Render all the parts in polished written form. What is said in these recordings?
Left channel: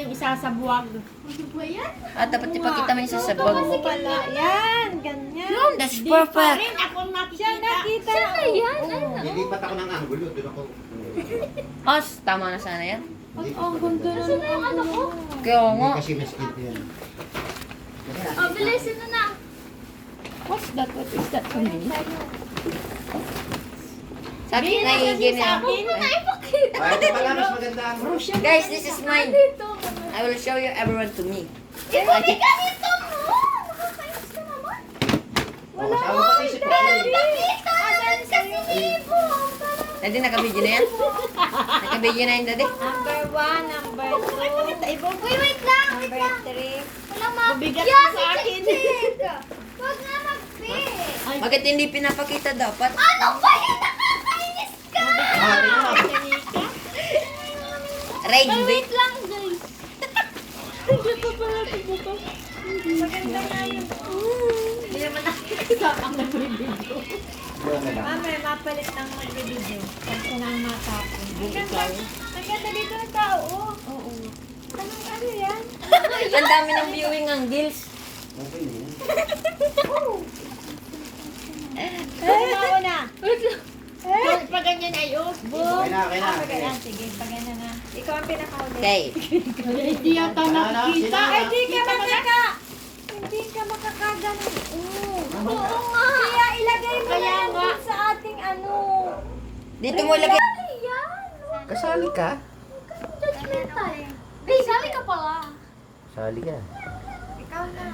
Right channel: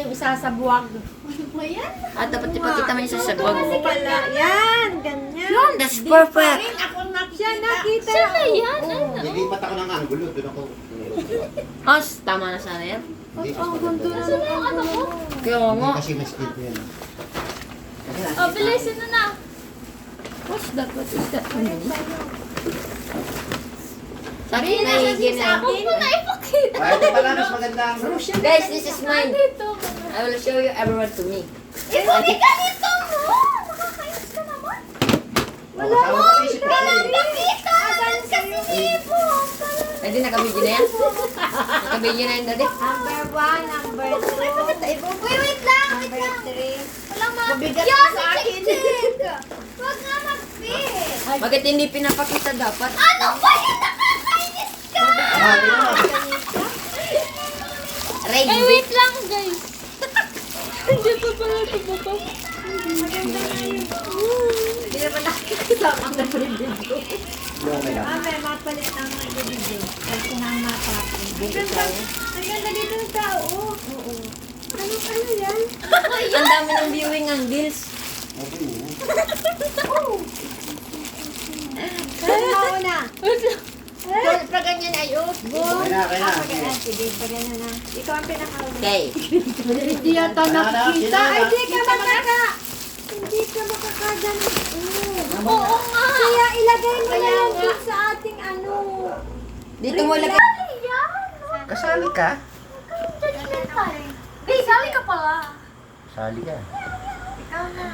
yung isa sa buwag. Ano ba yan? At dapat ipakita mo yung sa sabog. Wala. Yan, ganyan. Yun, that's perfect. Rin ako Siya nakikita. nakita. Saan na yan? Nilipat ako ng angulo. Doon ako. Os, tama na sana yan. Hindi Ang ganda na Saan na yung ano ko? Kaya nga. Kasi mas split yan. Oh, bilisin na na. What's that? What is that? Sabi Hindi na na siya higin sa akin. Huwag mo na ipakita. Ay, ito pala. Mas maganda ang Guys, this is mine. Dito. I will show you everyone to me. Ibalik ka nito mo! Makakainis ka naman. Wala ko. Pati si Pati. Pakita! Kasi sibo! Daddy, nakabidyo na yan? Nakabidyo na yan, Daddy? Number 1, number 2. Uy, wait lang! Number 3. Walang ma... Mabigat Yan, sa akin. Huwag nga mag-fit! Bakit hindi pinapakita dapat? Ano ba yun? Nakakainis ka! Ah, tingnan mo. Rain Eh, bait. wait lang, guys. Hindi pa pala ito buto. Maganda na yun. Hindi naman nakikita ang nag-review ko. Doon na lang. Mamaya, mapalit na ang mag-video. Kasi na ang matapin. Ikaw. Ang ganda dito ng tao. Oo. Ano yan? Ang dami ng viewing ang deals. Okay mo. Ano ako na? Wait lang. Pag ganyan ay oh. Boom. Okay na, okay na. Ah, pagana. Sige, pagana na. Ikaw ang pinakauna. Okay. Hindi yata nakikita. Ay, di ka Kita mo na? Hindi ka makakagano. Oo nga. Kaya ilagay mo Kaya na lang nga. dun sa ating ano. Dito mo lagay. Ayan. Kasali ka? Judgmental. Guys, sali ka pala. Sali ka. Ikaw na.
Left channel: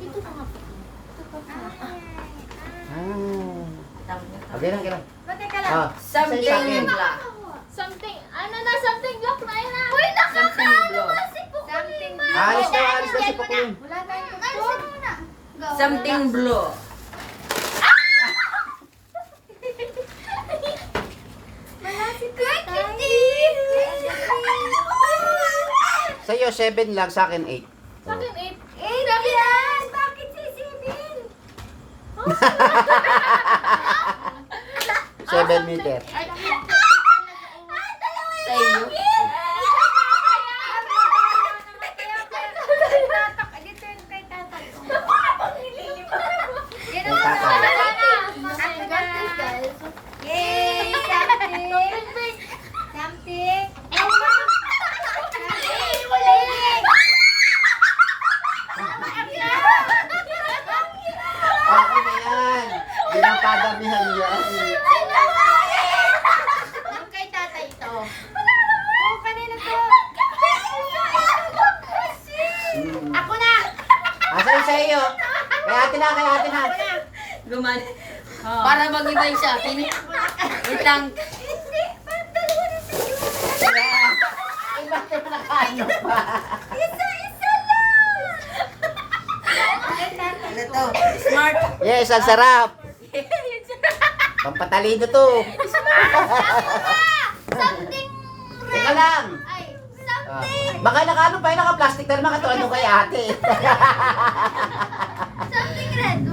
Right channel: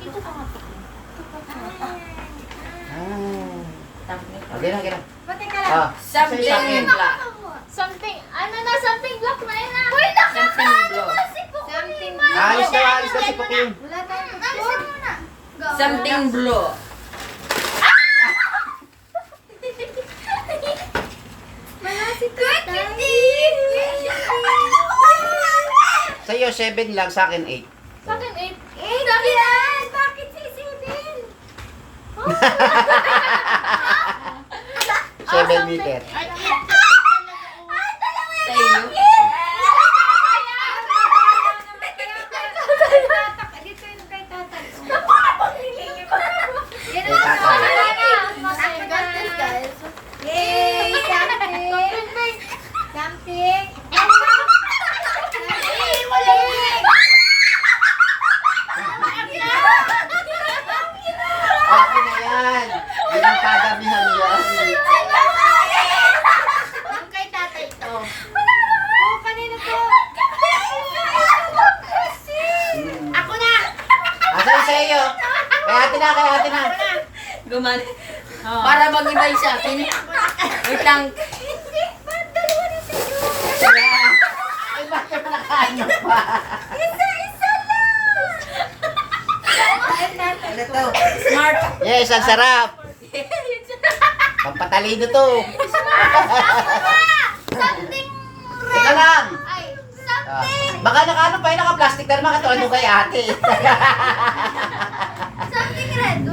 Ito ka nga. Okay na, okay na. Bakit ka lang? Ah, Something sa akin. black. Something, ano na, something block na yun ah. Uy, Something nakakaano block. mo na si Pukoy. Something Ma. Alis na, alis na si Pukim. Wala tayong Alisin mo na. Go. Something blue. Wala si Good Tatay. kitin. Sa iyo, 7 lang. Sa akin, 8. Sa akin, 8. Sa akin, yan. Bakit sisipin? 7 meter. Ay, Sa iyo. Dito yung kay tatay. Kay tatay. Guys. Yay! Something! Something! Wala Okay na yan. Ganang kadamihan yan. Yung kay tatay ito. Oh, kanina to. Ako na! Asa sa iyo? Kaya ate na, kaya ate na. Gumani. Para mag-ibay sa akin. Wait lang. Ay, bakit nakaano pa? Ano to? Smart. Yes, ang sarap. Pampatalino to. Something Teka lang. ay, Ah, something baka nakaano pa yun, naka-plastic ka naman katulad nung kay ate. something red. 1, 2, 3.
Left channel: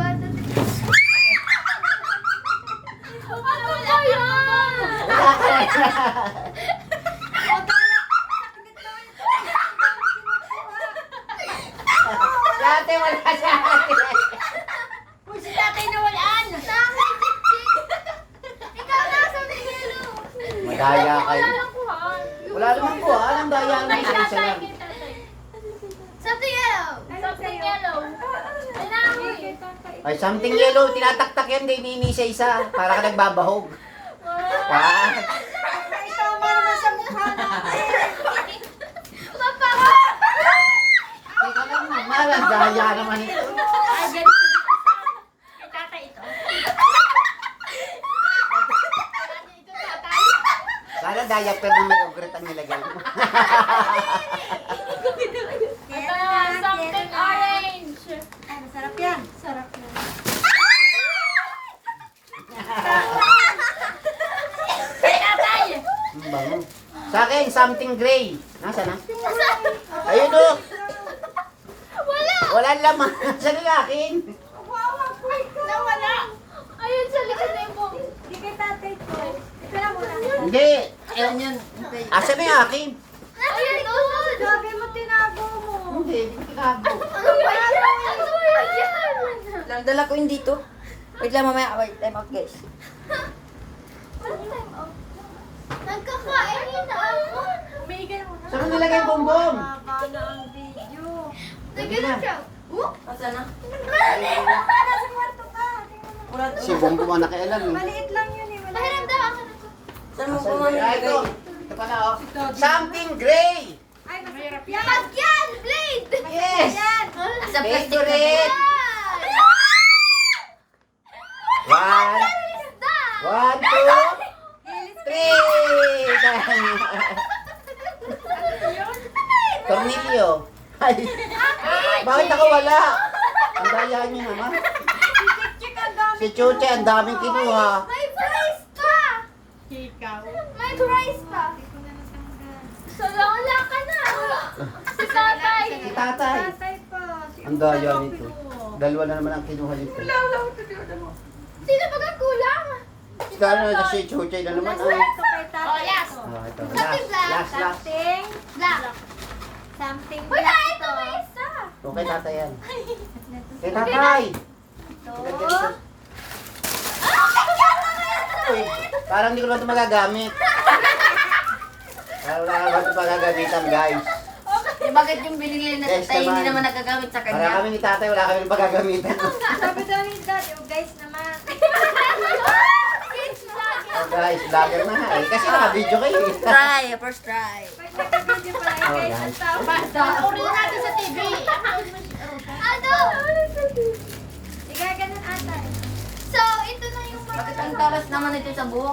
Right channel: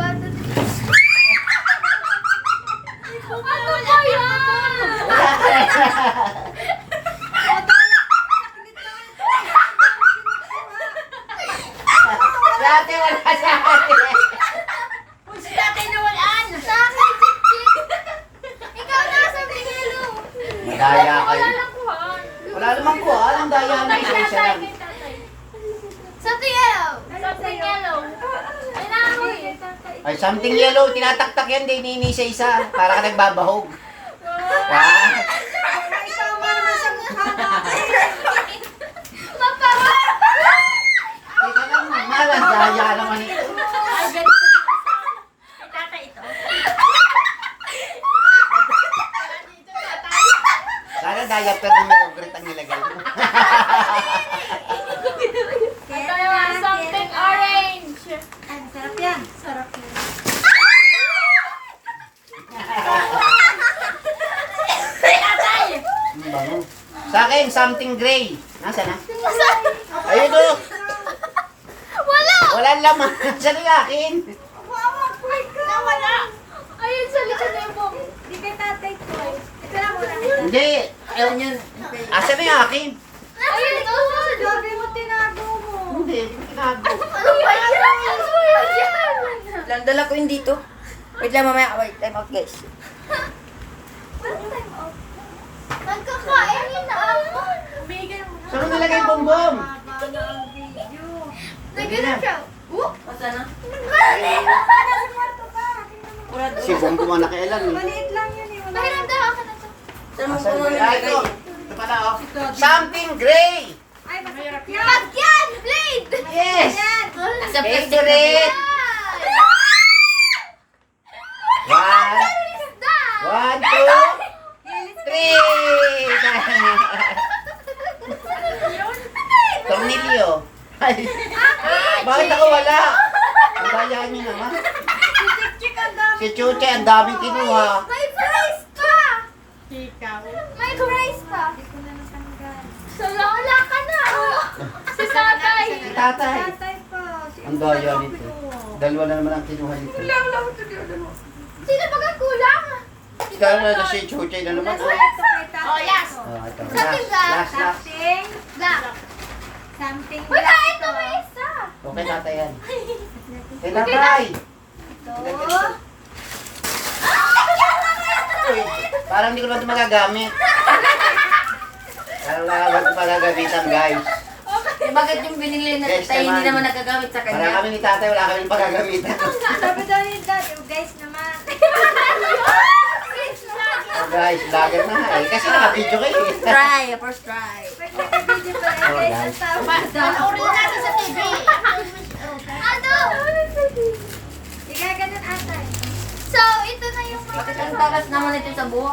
Ano ba yan? Wala ka na. Si ate, wala si ate. Uy, si tatay nawalaan. Sa akin, chik-chik. Ikaw na, something yellow. Madaya Wala kayo. lang kuhaan. Wala naman po, anong daya na Kay isa-isa tatay, lang. kay tatay. Something yellow. Something yellow. Ay, nahoy. Ay, something yellow, tinataktak yan, di isa-isa. Para ka nagbabahog. Ah, Tama naman sa mukha Mapapa. teka lang, malang daya naman ito. Ay, ganito dito. Kay tatay ito. Ito tatay. Sana diaper na may ogret ang nilagay mo. Ito naman, something orange. Ay, sarap yan. Sarap yan. Kay tatay. Ang bango. Sa akin, something gray. Nasaan na? Ayun o. Wala. Wala laman. Sa akin. Nawala. Ayun sa likod na yung Di kay tatay to. Ito na muna kita. Hindi. Ayun yun. Asa na yung akin? Ayun ito. Grabe mo gago. Ano ba yan? Ano ba yan? Lang dala ko yung dito. Wait lang mamaya. Wait, time out guys. Time out. Nagkakain na ako. Saan mo nilagay yung bombom? Nagano siya. Pasa na? Si bombom ang nakialam eh. Maliit lang yun eh. Wala. Pahiram daw ako na to. Saan mo Asan po ba? mami Ah, nilagay? ito. Ito pala oh. Something gray! Ay, mahirap yan. Pagyan! Blade! Yes! Sa plastic na Favorite! One, Isda! 1, 2, 3! Tornilyo. Ay, bakit ako wala? Ang daya niyo naman. Si Chuche, ang daming kinuha. May prize pa! Ikaw. May prize pa! Hindi ko na natanggal. So, wala ka na! Si tatay! Si tatay. Tatay pa. Si Ang daya Tatay nito. ko. Dalawa na naman ang kinuha nito. Sino ba ang kulang? Ikaw na si Chuche na naman. Last Oh, ito kay tatay Oh, yes. ko. ito. Something Last. Something. Black. Something. Wala, black ito may isa! Okay, tatay yan. Kay tatay. Ito. Uy, parang hindi ko lang ito magagamit. Parang wala ko pala gamitan, guys. Eh, bakit yung binili na Yes, tayo hindi naman. naman nagagamit sa Para kanya? kami ni tatay, wala kami pagagamitan. Sabi daw ni Dad, "Oh, guys naman." Oh, guys, vlogger na eh. Kasi naka-video kayo eh. Try, first try. Pag naka-video pa Oh, guys, guys. ang tawag. Panoorin na natin sa TV. Ano? Igaganon atay. So, ito na yung mga... Bakit ang talas naman ito sa buhok?